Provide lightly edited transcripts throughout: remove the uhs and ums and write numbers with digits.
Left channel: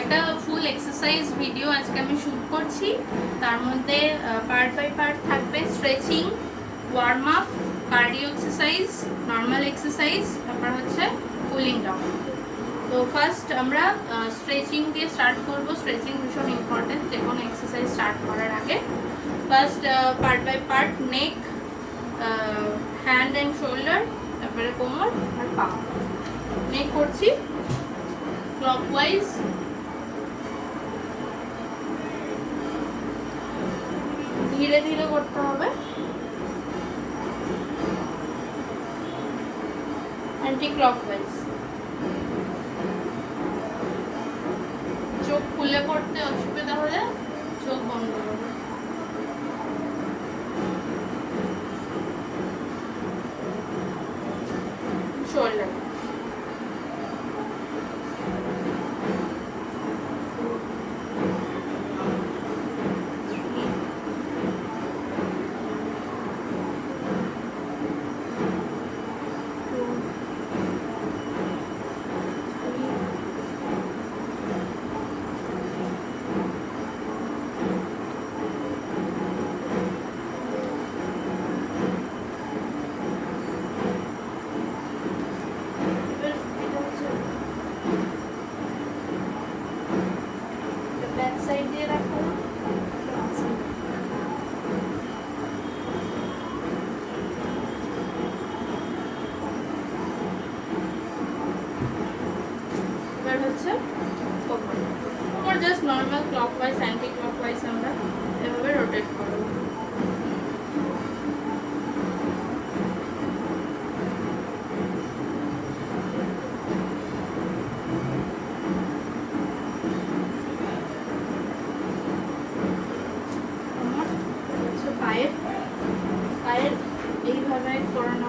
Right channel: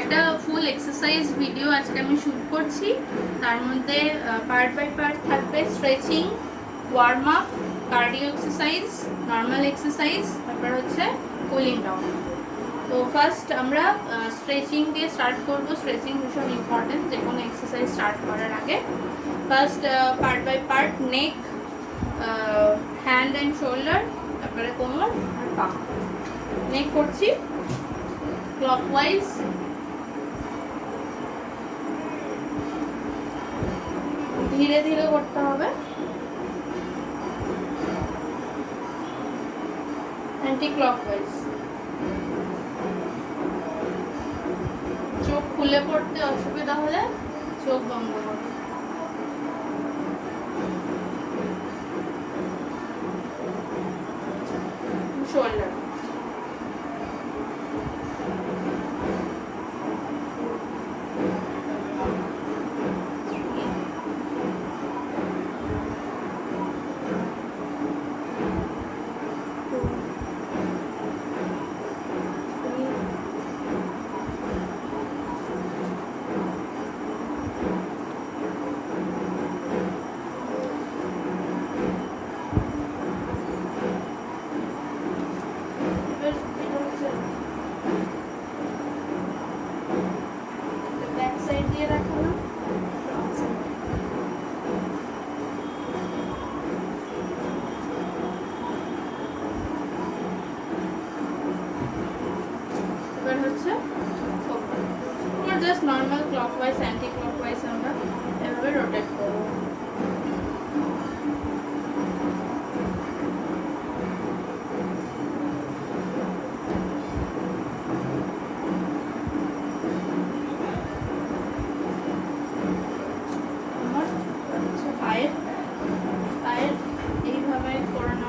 একটা ফুল exercise video আজকে আমি শুট করছি। তার মধ্যে পার্ট বাই পার্ট থাকবে stretching, warm up, cardio exercise, normal exercise, তারপর হচ্ছে কুলিং ডাউন। তো ফার্স্ট আমরা স্ট্রেচিং দিয়ে স্টার্ট করবো। স্ট্রেচিং ভীষণ ইম্পর্টেন্ট যে কোনো এক্সারসাইজ স্টার্ট করার আগে। First part by part neck, hand and shoulder, তারপরে কোমর আর পা। নেক করছি ক্লকওয়াইজ, ধীরে ধীরে করতে হবে। Anti clockwise. চোখ খুলে পড়তে অসুবিধা হলে চোখ বন্ধ করবে। শোল্ডার, হচ্ছে ওপর just normal clockwise anti clockwise আমরা এভাবে রোটেট করব। পায়ের পায়ের এইভাবে করানো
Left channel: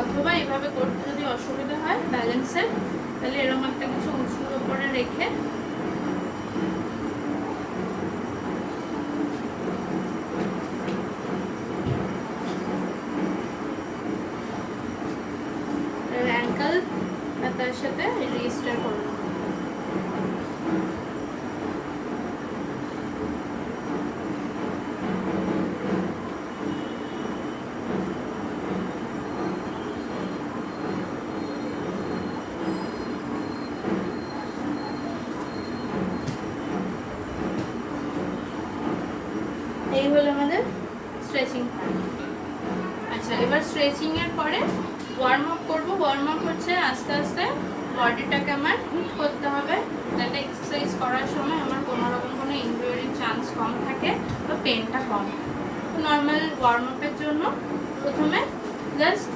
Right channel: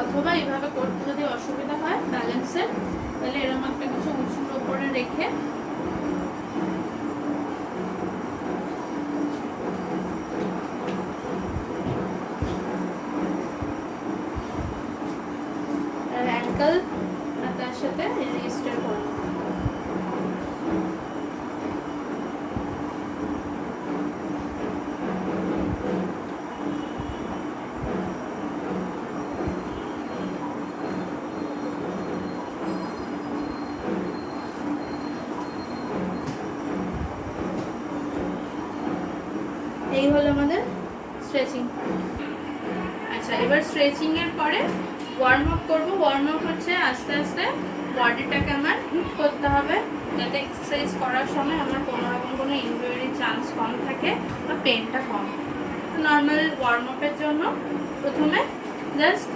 অথবা এইভাবে করতে যদি অসুবিধা হয় ব্যালেন্সের, তাহলে এরকম একটা কিছু উঁচুর ওপরে রেখে অ্যাঙ্কেল তার সাথে রেজিস্টার করবো। এই হলো আমাদের স্ট্রেচিং পার্ট। আচ্ছা, এবার স্ট্রেচিং এর পরে ওয়ার্ম আপ করবো। ওয়ার্ম আপ হচ্ছে আস্তে আস্তে বডিটাকে আমার হিট করতে হবে, যাতে এক্সারসাইজ করার সময় আমার কোনো রকম কোনো ইনজুরির চান্স কম থাকে বা পেনটা কম। তো নর্মাল ওয়ার্ম আপের জন্য প্রথমে জাস্ট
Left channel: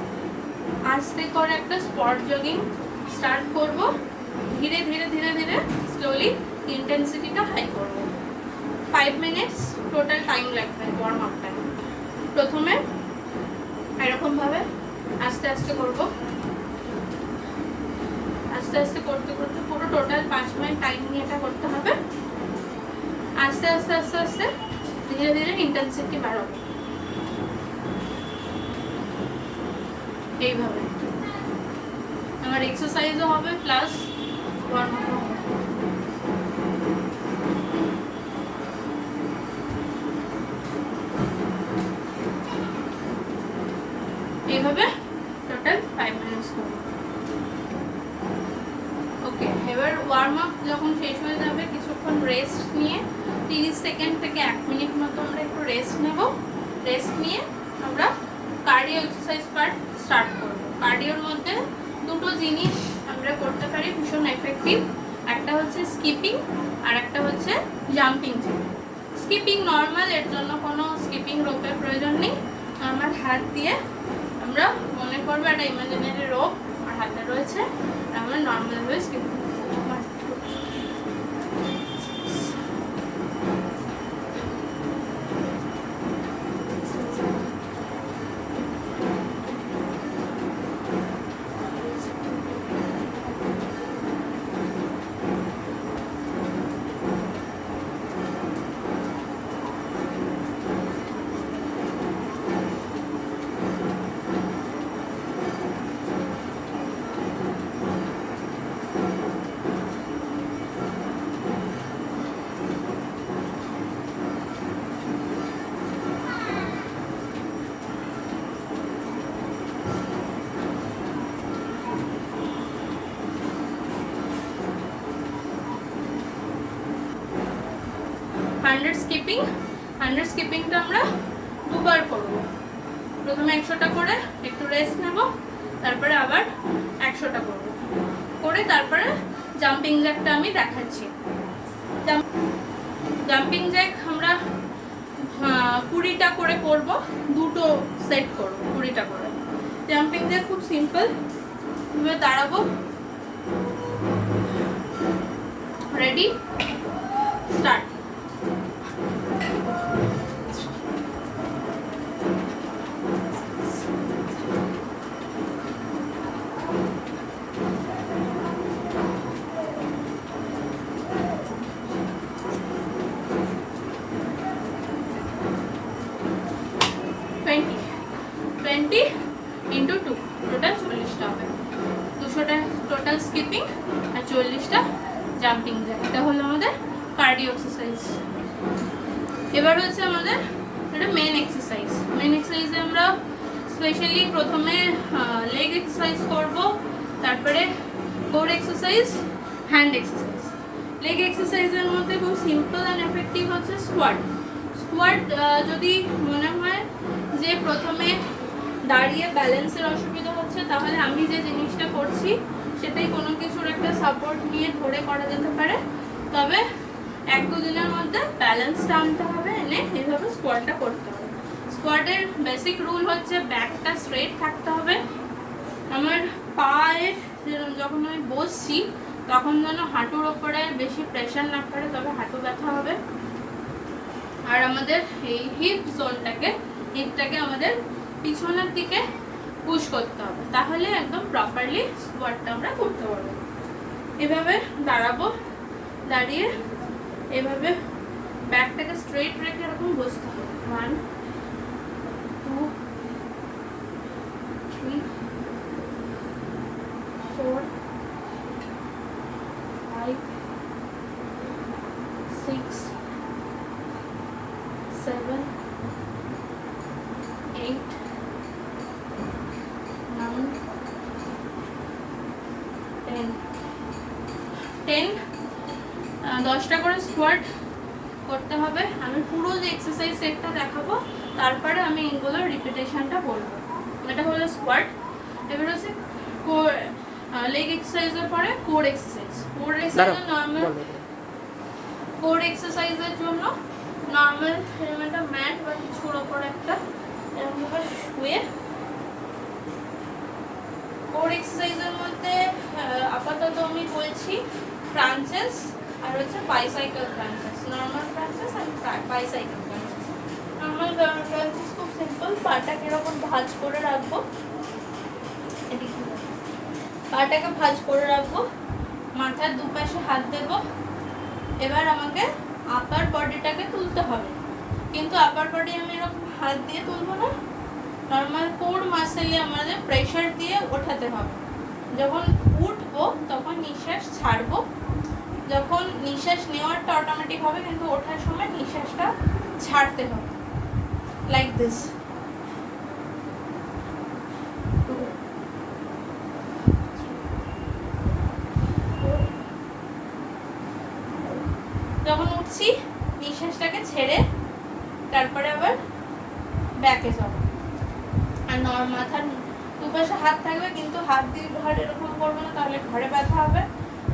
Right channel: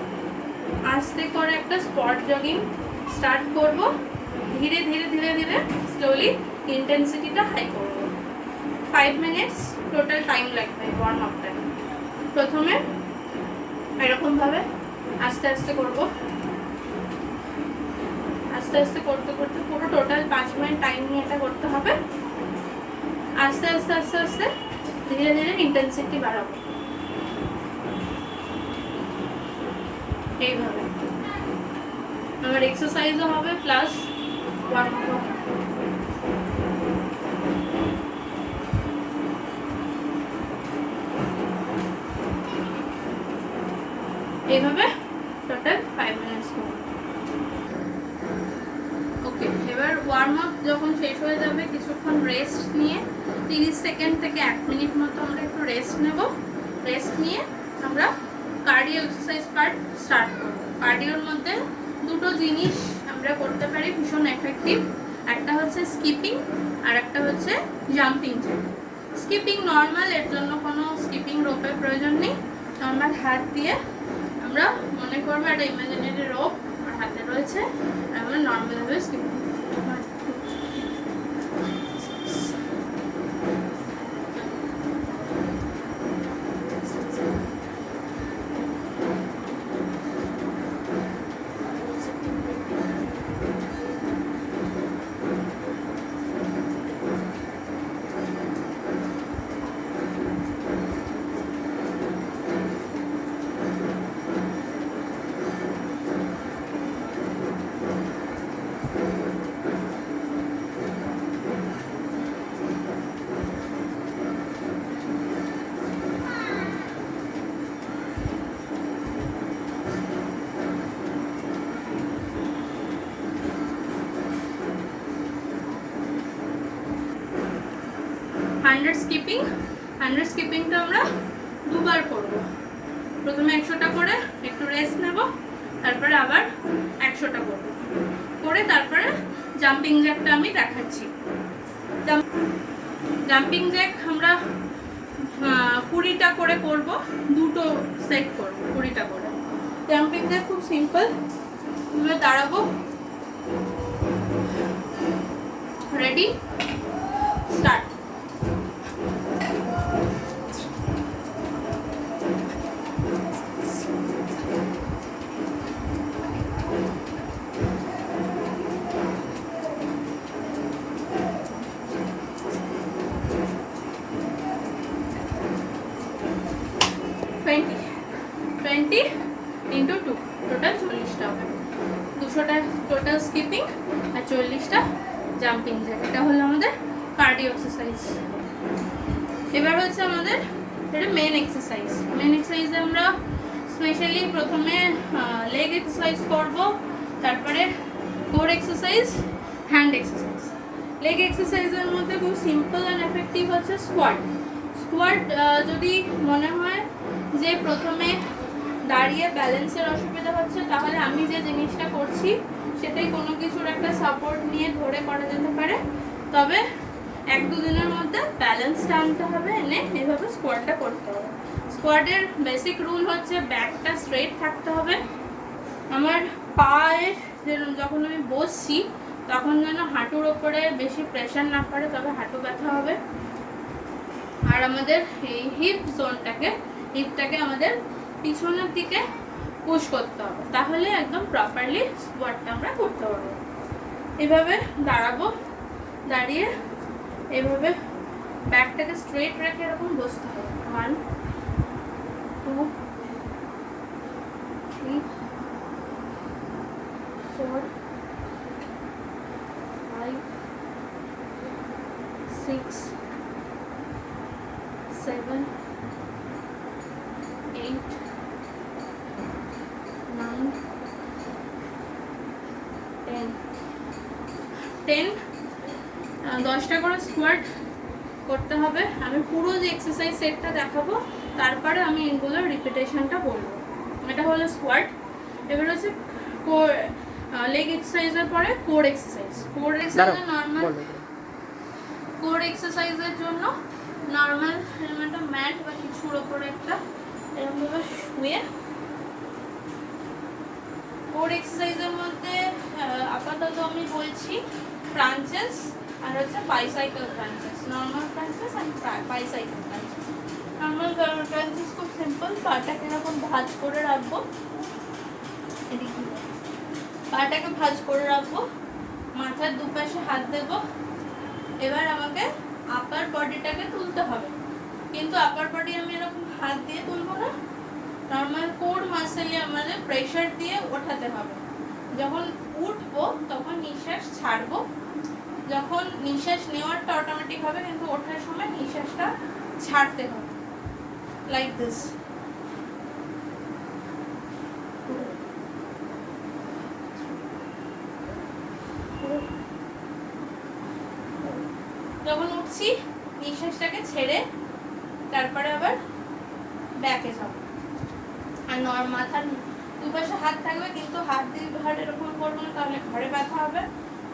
আস্তে করে একটা স্পট জগিং স্টার্ট করব। ধীরে ধীরে ধীরে ধীরে স্লোলি ইন্টেন্সিটিটা হাই করব। 5 মিনিটস টোটাল টাইম লাগবে ওয়ার্ম আপটা। প্রথমে এরকমভাবে আস্তে আস্তে করব। আস্তে আস্তে করতে করতে পুরো টোটাল 5 মিনিট টাইম নিয়ে এটা করতে হবে। আস্তে আস্তে আস্তে আস্তে ধীরে ধীরে ইন্টেন্সিটি বাড়াবো। এইভাবে আমার এক্সারসাইজও হবে প্লাস ওয়ার্ম আপও হবে। এইভাবে টোটাল 5 মিনিটস করব। ওকে, এবার ওয়ার্ম আপ যখন শেষ হয়ে যাবে কিছুক্ষণ রেস্ট নিয়ে 30 সেকেন্ড থেকে 1 মিনিট মতো আমরা একটু রেস্ট নেব। রেস্ট নিয়ে আমরা কার্ডিও এক্সারসাইজ পার্ট স্টার্ট করব। কার্ডিওর মধ্যে দুটো জিনিস আমরা করতে পারি ভীষণ এফেক্টিভ। একটা হচ্ছে স্কিপিং আর একটা হচ্ছে জাম্পিং জ্যাক। স্কিপিং নর্মাল, এর জন্য কোনো স্কিপিং রোপের প্রয়োজন নেই। নর্মাল হাত দিয়ে আমরা মনে করবো একটা ইমাজিনারি রোপ আর হাতে রয়েছে, আমরা নর্মালভাবে স্কিপিং 100 স্কিপিং। 100 স্কিপিংটা আমরা দুবার করব। প্রথমে 100টা করে একটু রেস্ট নেব, তারপরে আবার 100টা করব, করে তারপরে জাম্পিং জ্যাকটা আমি দেখাচ্ছি। জাম্পিং জ্যাক আমরা 20টা করে করব, দুটো সেট করব 20টা করে। জাম্পিং জ্যাক খুব সিম্পল, আমরা দাঁড়াবো, রেডি, স্টার্ট। ইন্টু 2, টোটাল 40টা হবে। 200টা টোটাল স্কিপিং আর 40টা জাম্পিং জ্যাক। এটা হলো আমাদের কার্ডিও এক্সারসাইজ। এবার হচ্ছে আমাদের এটা মেন এক্সারসাইজ। মেন এক্সারসাইজে আমরা স্পেশালি প্রথমে লেগ এক্সারসাইজ করব, তারপরে core exercise, hand exercise. Leg এক্সারসাইজের মধ্যে খুব সিম্পল অ্যান্ড এফেক্টিভ হচ্ছে স্কোয়াট। স্কোয়াট যদি মনে হয় যে প্রথমে দাঁড়িয়ে ব্যালেন্সের অসুবিধা হচ্ছে, তাহলে আমি যে জিনিসটা করছি সেটাই কোনো কিছুর একটা সাপোর্ট নিয়ে ধরে করা যেতে পারে। তবে 1-2 দিনের মধ্যে ব্যালেন্সটা আনতে হবে, এনে এইভাবে স্কোয়াটটা করতে হবে। স্কোয়াটের বেসিক রুল হচ্ছে ব্যাকটা স্ট্রেট থাকতে হবে। আমার পায়ের যখন আমি বসছি তখন যেন হাঁটুর ওপরে বেশি প্রেশার না পড়ে, তবে হাঁটু ব্যথা হবে। আর আমাদের এই হিপটাকে আমাদের পিছনের দিকে পুশ করতে হবে, তাহলে একদম প্রপারলি স্কোয়াটটা আমরা করতে পারবো। এভাবে দাঁড়াবো, দাঁড়িয়ে এভাবে ব্যাকটাকে স্ট্রেট রেখে এরকম বসতে হবে। 1 2 3 4 5 6 7 8 9 10 10টা করে স্কোয়াট করতে হবে। আমি পুরো যে এক্সারসাইজ সেটটা দেখাবো, তারপরে আমি এগুলোর রিপিটেশনটা বলবো। এটা হলো স্কোয়াট। এবার হচ্ছে লেগ এক্সারসাইজের পরে core exercise. Core exercise normal, core এক্সারসাইজের জন্য নর্মাল এরকম একটা ম্যাট বা কিছুর ওপরে একটা এরকমভাবে শুয়ে, কোর এক্সারসাইজের মধ্যে আপাতত আমি বলছি ক্রাঞ্চেস আর হচ্ছে বাইসাইকেল ক্রাঞ্চেস। নর্মাল ক্রাঞ্চেস আর বাইসাইকেল ক্রাঞ্চেস। নর্মাল ক্রাঞ্চেস খুব সিম্পল, পাটাকে এরকম ভাঁজ করে রাখবো, পাটাকে ভাঁজ করে রাখবো, মাথার দুপাশে হাত দেব। এবার আমাকে আপার বডিটাকে তুলতে হবে, কিন্তু আপার বডি আমি এরকম হাত দিয়ে তুলবো না, নর্মাল কোর মাসেলে আমাদের প্রেশার দিয়ে ওঠাতে হবে। যখন উঠবো তখন নিঃশ্বাস ছাড়বো, যখন নিঃশ্বাস নেওয়ারটা অটোমেটিক হবে, কিন্তু ওঠার সময় নিঃশ্বাসটা ছাড়তে হবে, লাইক দিস। যখন উঠছি নিঃশ্বাসটাকে ছেড়ে তারপরে আবার ব্যাকে যাব। আর মাথার দুপাশে হাত থাকবে, কিন্তু হাত দিয়ে ঘাড় এরকম করবো না, তাহলে ঘাড়ে ব্যথা হবে।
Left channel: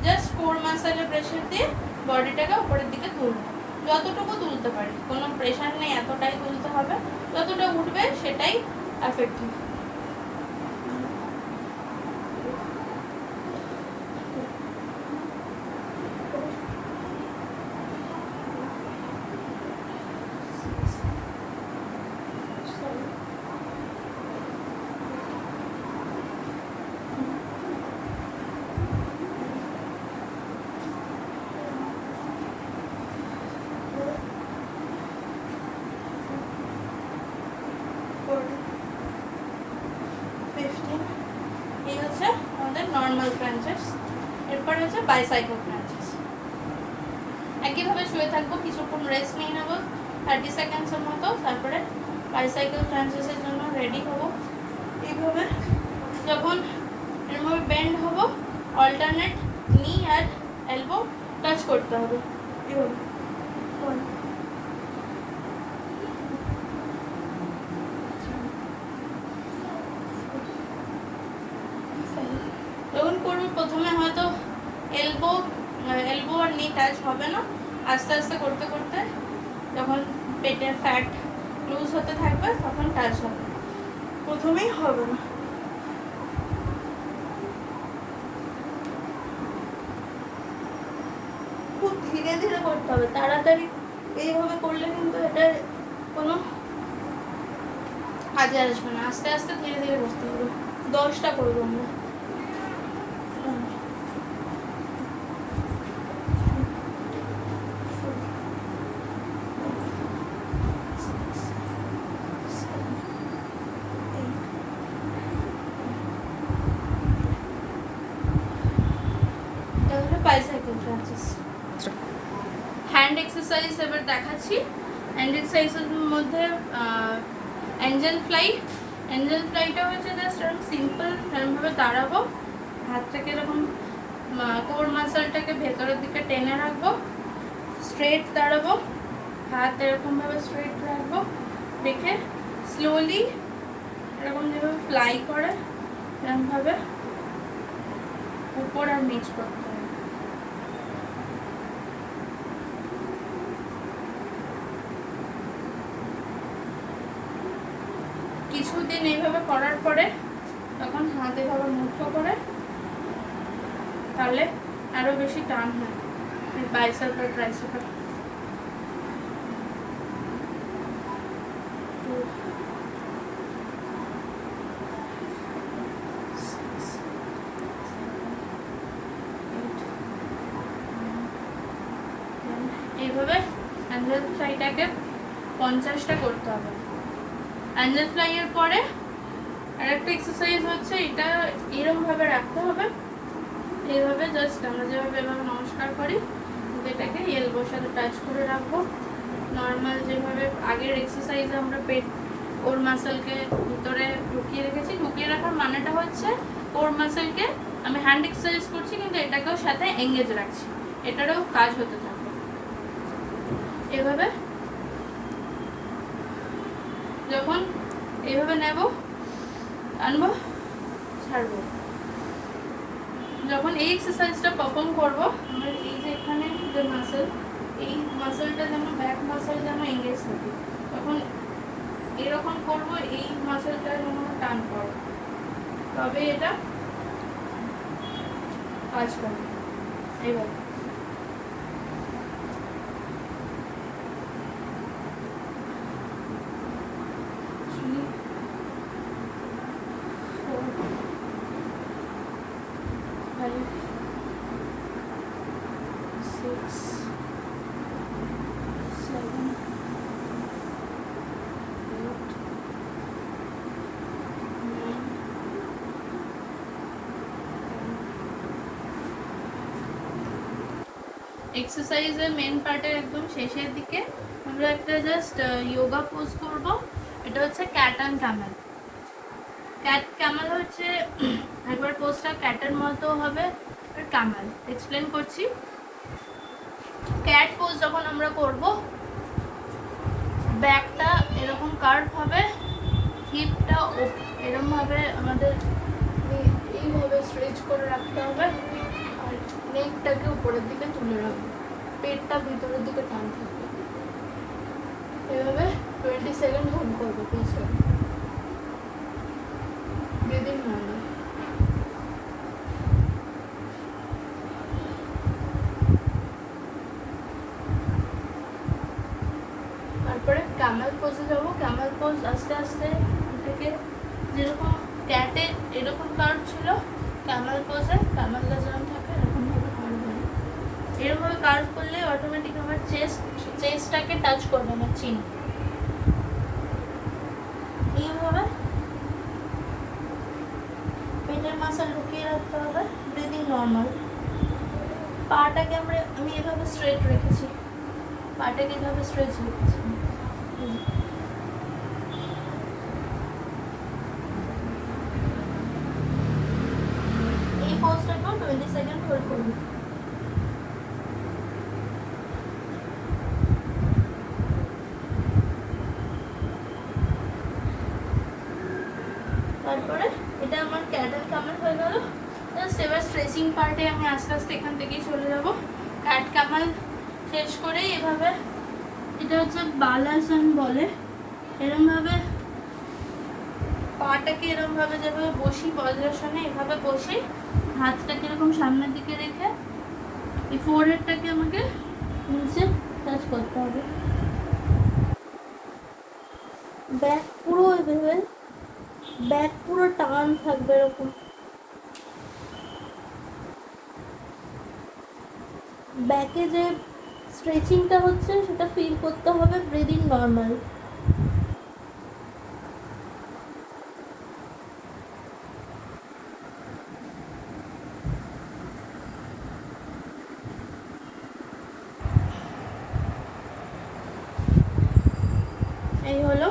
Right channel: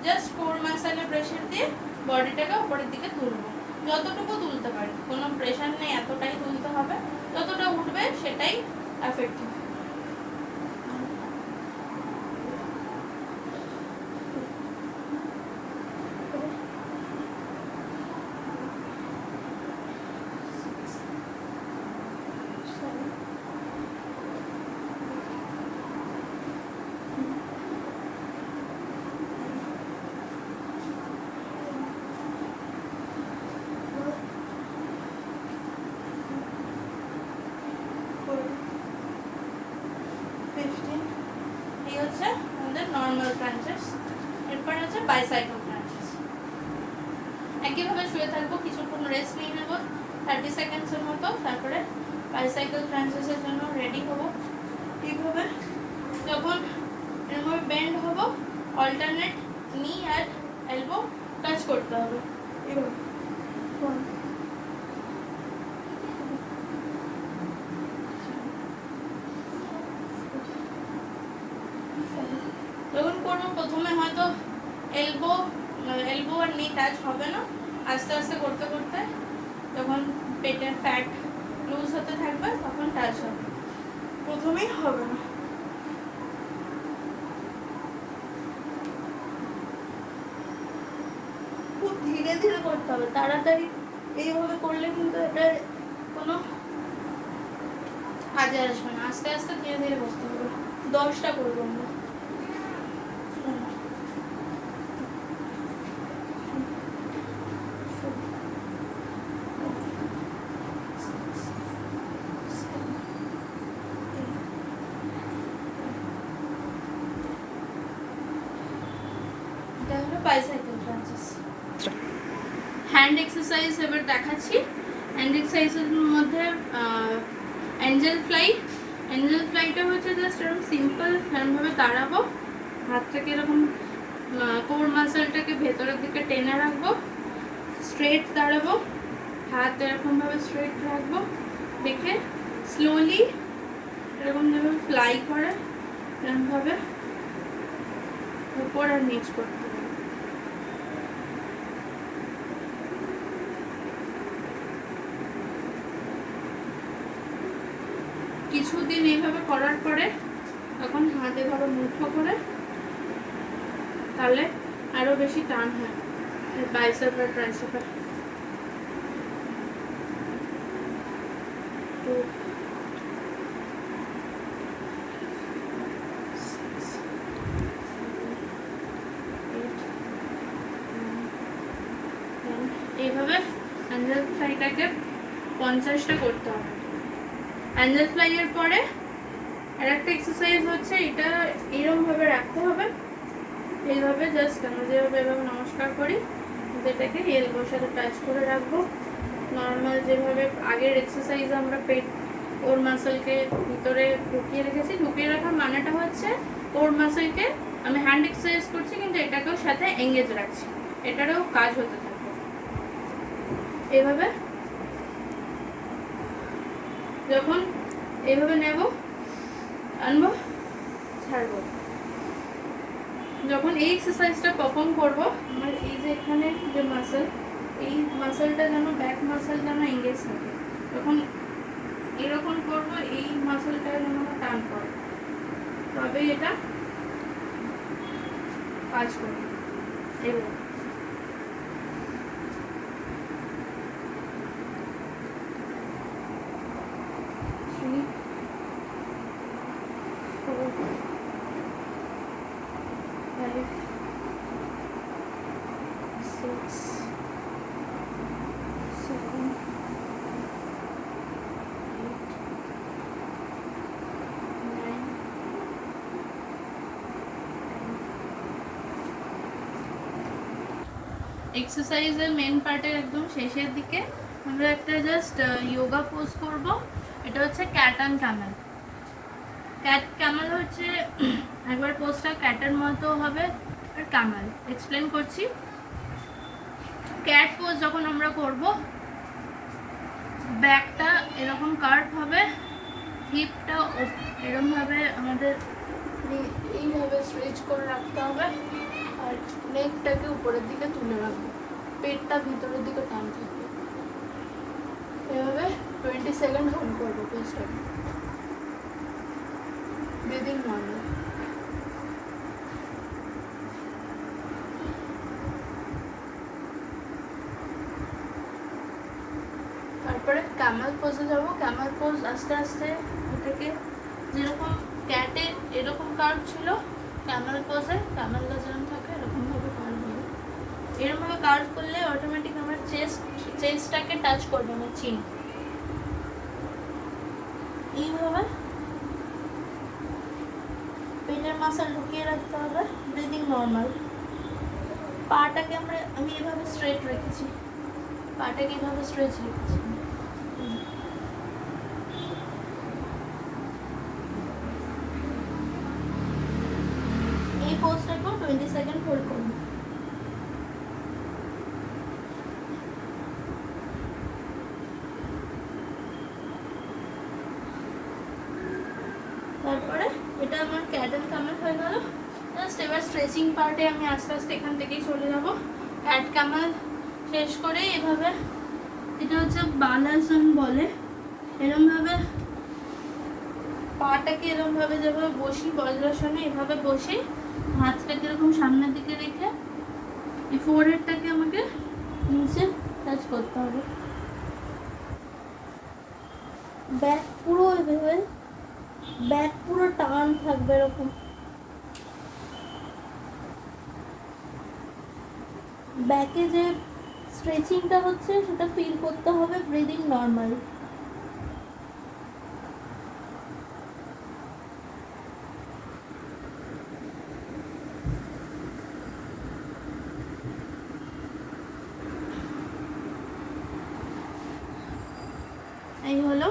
জাস্ট কোর মাসেলে প্রেশার দিয়ে বডিটাকে উপরের দিকে তুলবো, যতটুকু তুলতে পারি, কোনো প্রেশার নেই, এতটাই তুলতে হবে। যতটা উঠবে সেটাই এফেক্টিভ। Normal crunches. এরপর হচ্ছে বাইসাইকেল ক্রাঞ্চেস। একইভাবে শুয়ে থাকবো, কিছুক্ষণ রেস্ট নিয়ে নেবো 30 সেকেন্ডসের মতো, তারপরে বাইসাইকেল ক্রাঞ্চেসের জন্য রেডি হবো। এইভাবে যখন এরভাবে বেন্ড হবো, অল্টারনেট নি আর এলবো টাচ করতে হবে। এভাবে 1 যখন করবো প্রথমে হয়তো এলবো এলবো আর নি টাচ হবে না, আস্তে আস্তে করতে করতে যখন পেটের ফ্যাট লুজ হতে থাকবে তখন টাচ হবে, প্রথমেই হবে না। খুব ধীরে ধীরে করতে হবে, তাড়াতাড়ি এইভাবে করলে কিন্তু এটার কোনো কাজে আসবে না, আস্তে আস্তে ধীরে ধীরে করতে হবে। 10টা করবো আমরা। হ্যান্ড এক্সারসাইজ এবার দেখাচ্ছি। হ্যান্ড এক্সারসাইজের মধ্যে অ্যাঞ্জেল ফ্লাই। অ্যাঞ্জেল ফ্লাইটা হচ্ছে জাস্ট এরকম সিম্পল এরকমভাবে দাঁড়াবো, হাতটাকে এরকম কোর মাসলটাকে ভেতরের দিকে টেনে রাখবো, স্ট্রেট দাঁড়াবো, হাত এরকমভাবে স্ট্রেট রাখবো, রেখে স্লোলি এরকম যেভাবে ফ্লাই করে এরকমভাবে উপর আর নিচ করতে হবে। কিছুদিন এইভাবে করার পরে তখন হাত এভাবে মুঠো করে তাহলে আরো বেশি টান হয় বাইসেপ আর ট্রাইসেপের। এইভাবে অ্যাঞ্জেল ফ্লাইটাকে 50টা করতে হবে। অ্যাঞ্জেল ফ্লাই এর পরে আরেকটা এক্সারসাইজ হচ্ছে, এটা এরকমভাবে রাখতে হবে, এইভাবে জাস্ট আমরা যেভাবে এভাবে নমস্কার করি এটাকে এলবোর সাথে টাচ করে রাখবো। নর্মাল যেভাবে আগের এক্সারসাইজে আমরা পেট ওর মাসলকে ভিতরে ঢুকিয়ে রেখেছি, ঢুকিয়ে রাখার মানেটা হচ্ছে ওর মাসলকে আমি হ্যান্ড এক্সারসাইজ করছি কিন্তু এটাকেও সাথে এঙ্গেজ রাখছি, এটারও কাজ হতে থাকবে। এইভাবে যখন এইভাবে নেব, আনবো, ছাড়বো, যখন এই এক্সারসাইজটা পারফর্ম করবো আমার এই যে এখানে যে মাসল, এই মাসলটা যেন ব্যাক মাসল যেন এঙ্গেজ থাকে, তখন এরকম করবো, এই মাসলটা যেন টান করবো, তবে এটা কাজ করবে। এইভাবে এক্সারসাইজের মেন পার্টের একদম শেষের দিকে আমরা একটা জাস্ট যোগা পোজ করব। এটা হচ্ছে cat and Camel. Cat Camel হচ্ছে একবার পোজটা ক্যাটের মতো হবে, ক্যামেল এক্সপ্লেন করছি। ক্যাট পোজ যখন আমরা করব, ব্যাকটা এরকম কার্ভ হবে, হিপটা এরকমভাবে আমাদের এইভাবে স্ট্রেচ করে রাখতে হবে, আর নেকটাকে উপরের দিকে তুলে রাখবো, পেটটা ভিতরের দিকে টান থাকবে। এভাবে 20 সেকেন্ড হোল্ড করবো পোজটাকে, ব্রিদিং নর্মাল। তারপরে ক্যামেল পোজে যাব। ক্যামেল পোজ আস্তে আস্তে এটাকে যেরকম ক্যাটে এরকম কার্ভ ছিল, ক্যামেল পোজে ক্যামেলটা যেরকম থাকে এরকমভাবে কার্ভ হবে। এরকমভাবে কার্ভ করলে অটোমেটিক আমার চেস্টটাকে টাচ করবে আমার চিন। এইভাবে পেটের মাসল ঢুকিয়ে রাখতে হবে, ব্রিদিং নর্মাল। পাটাকে আমি এভাবে স্ট্রেট রেখেছি, পাটাকে এভাবে স্ট্রেচ রেখেছি। এই পোজটাকেও 20 সেকেন্ড হোল্ড করব। তারপরে এটা আমার ক্যাট অ্যান্ড ক্যামেল হয়ে গেল। জাস্ট এবার স্ট্রেচিং পার্টে আমি আস্তে আস্তে এখান থেকেই চলে যাব। ক্যাট কামাল শেষ করে এভাবে, এটা হচ্ছে বালাসন বলে, এরমভাবে পাটাকে এরমভাবে যেভাবে বসি বজ্রাসনে, এভাবে বসে হাতটাকে এরকম সামনের দিকে রেখে এই ফোরহেডটাকে আমাকে নিচে টাচ করতে হবে। ব্যাক পুরো এভাবে, ব্যাক পুরো টান থাকবে এরকম। ব্যাকে যে স্ট্রেচিংটা হচ্ছে সেটা ফিল করতে হবে, ব্রিদিং নর্মাল। এই হলো।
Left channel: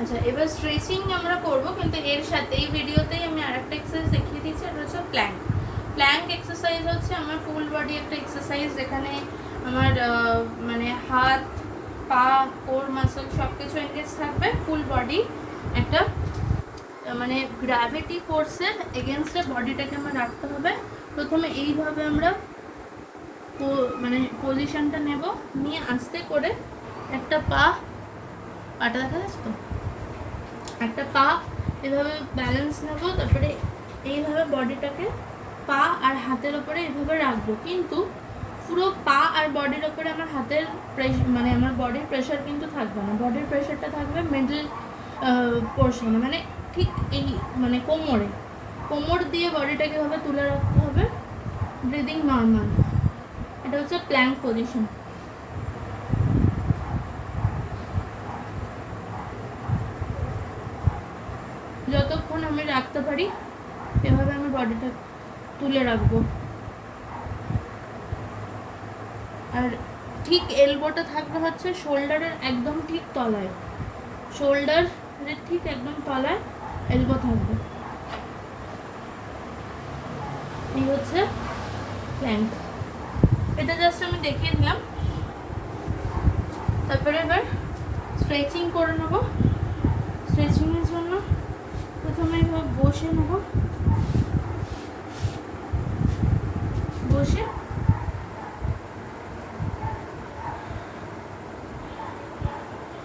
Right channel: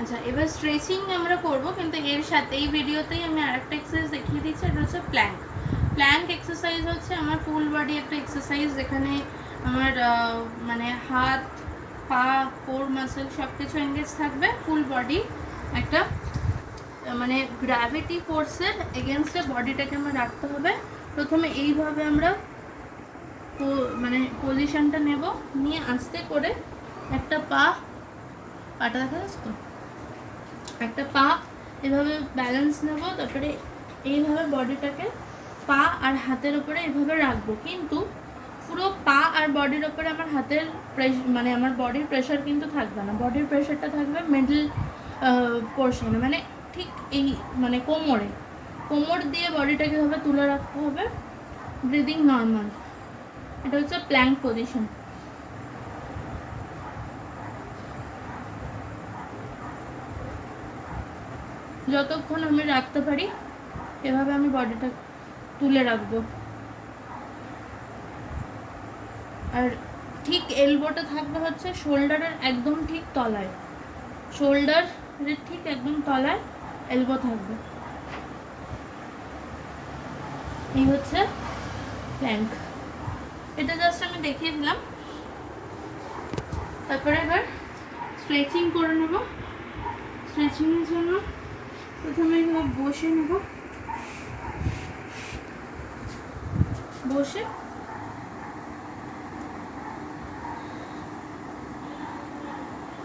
আচ্ছা, এবার স্ট্রেচিং আমরা করব, কিন্তু এর সাথে এই ভিডিওতেই আমি আরেকটা এক্সারসাইজ দেখিয়ে দিচ্ছি, এটা হচ্ছে প্ল্যাঙ্ক। প্ল্যাঙ্ক এক্সারসাইজ হচ্ছে আমার ফুল বডি একটা এক্সারসাইজ, যেখানে আমার মানে হাত, পা, কোর মাসল সব কিছু এনগেজ থাকবে, ফুল বডি একটা মানে গ্র্যাভিটি ফোর্সের এগেনস্টে বডিটাকে আমার রাখতে হবে। প্রথমে এইভাবে আমরা মানে পজিশনটা নেব, নিয়ে আস্তে করে একটা পাটা দেখা যাচ্ছে তো, একটা পা এভাবে ব্যালেন্স নেব, তারপরে এইভাবে বডিটাকে পা আর হাতের ওপরে এভাবে রাখবো, কিন্তু পুরো পা আর বডির ওপরে আমার হাতের মানে আমার বডির প্রেশার কিন্তু থাকবে না, বডির প্রেশারটা থাকবে মিডল পোর্শনে, মানে ঠিক এই মানে কোমর দিয়ে বডিটাকে এভাবে তুলে রাখতে হবে, ব্রিদিং নর্মাল। এটা হচ্ছে প্ল্যাঙ্ক পজিশন। যতক্ষণ আমি রাখতে পারি এভাবে আমি বডিটা তুলে রাখবো, আর ঠিক এলবোটা থাকবে হচ্ছে শোল্ডারের একদম ঠিক তলায়, শোল্ডারের ঠিক একদম তলায় এলবো থাকবে। এই হচ্ছে প্ল্যাঙ্ক। এটা জাস্ট আমি দেখিয়ে দিলাম। তারপরে এবার স্ট্রেচিং করে নেব। স্ট্রেচিংয়ের জন্য প্রথমে এবার বসে নেব, বসে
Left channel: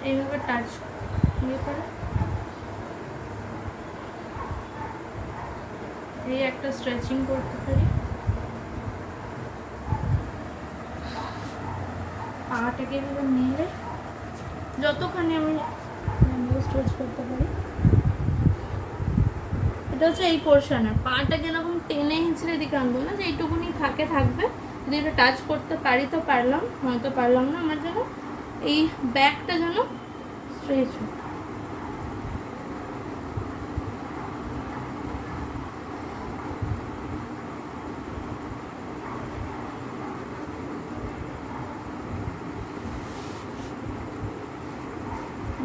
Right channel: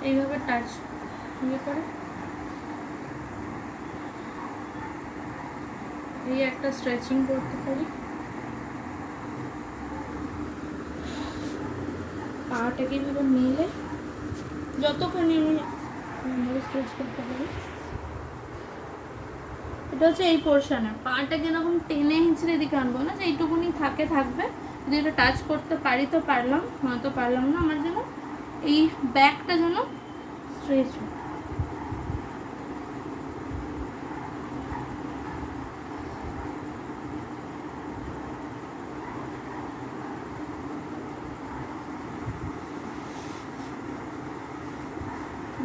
এইভাবে টাচ করে এই একটা স্ট্রেচিং করতে পারি, পাটাকে এভাবে নিলে যতক্ষণ আমি স্ট্রেচ করতে পারি। এটা হচ্ছে এই পোর্শনে পাটাকে এরকম টেনে হিঁচড়ে দিকে আনবো না, যে এইটুকুনি থাকবে, যদি এটা টাচ করতে পারি তো পারলাম, হয়তো পারলাম না, আমার যেন এই ব্যাকটা যেন স্ট্রেচ হয়।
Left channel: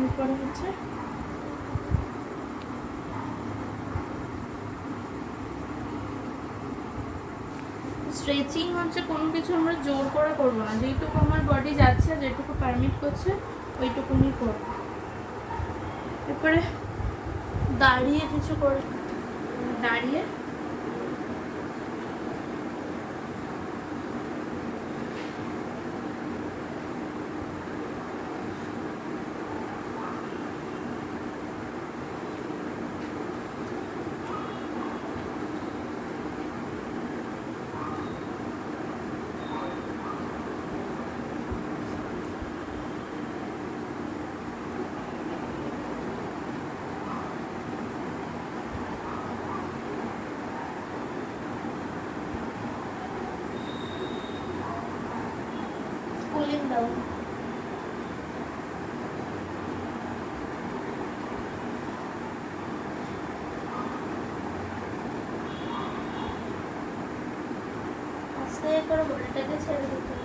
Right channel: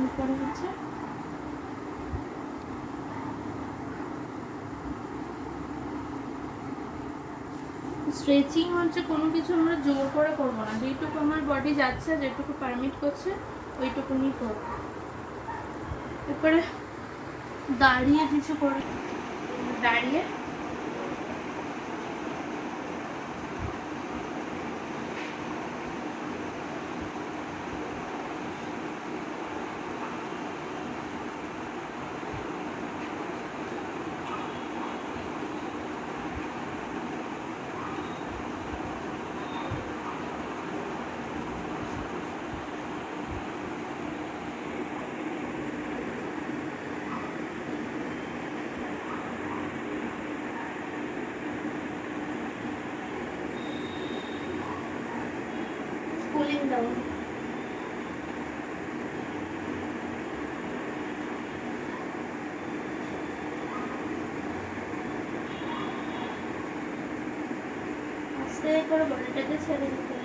এরপরে হচ্ছে স্ট্রেচিং হচ্ছে কোনো কিছু আমরা জোর করে করবো না, যেইটুকু আমার বডি যাচ্ছে, যেটুকু পারমিট করছে ওইটুকুনি করবো। এরপরে দাঁড়িয়ে কিছু করে, দাঁড়িয়ে cooling down. আস্তে করে বডিটাকে ছেড়ে দিতে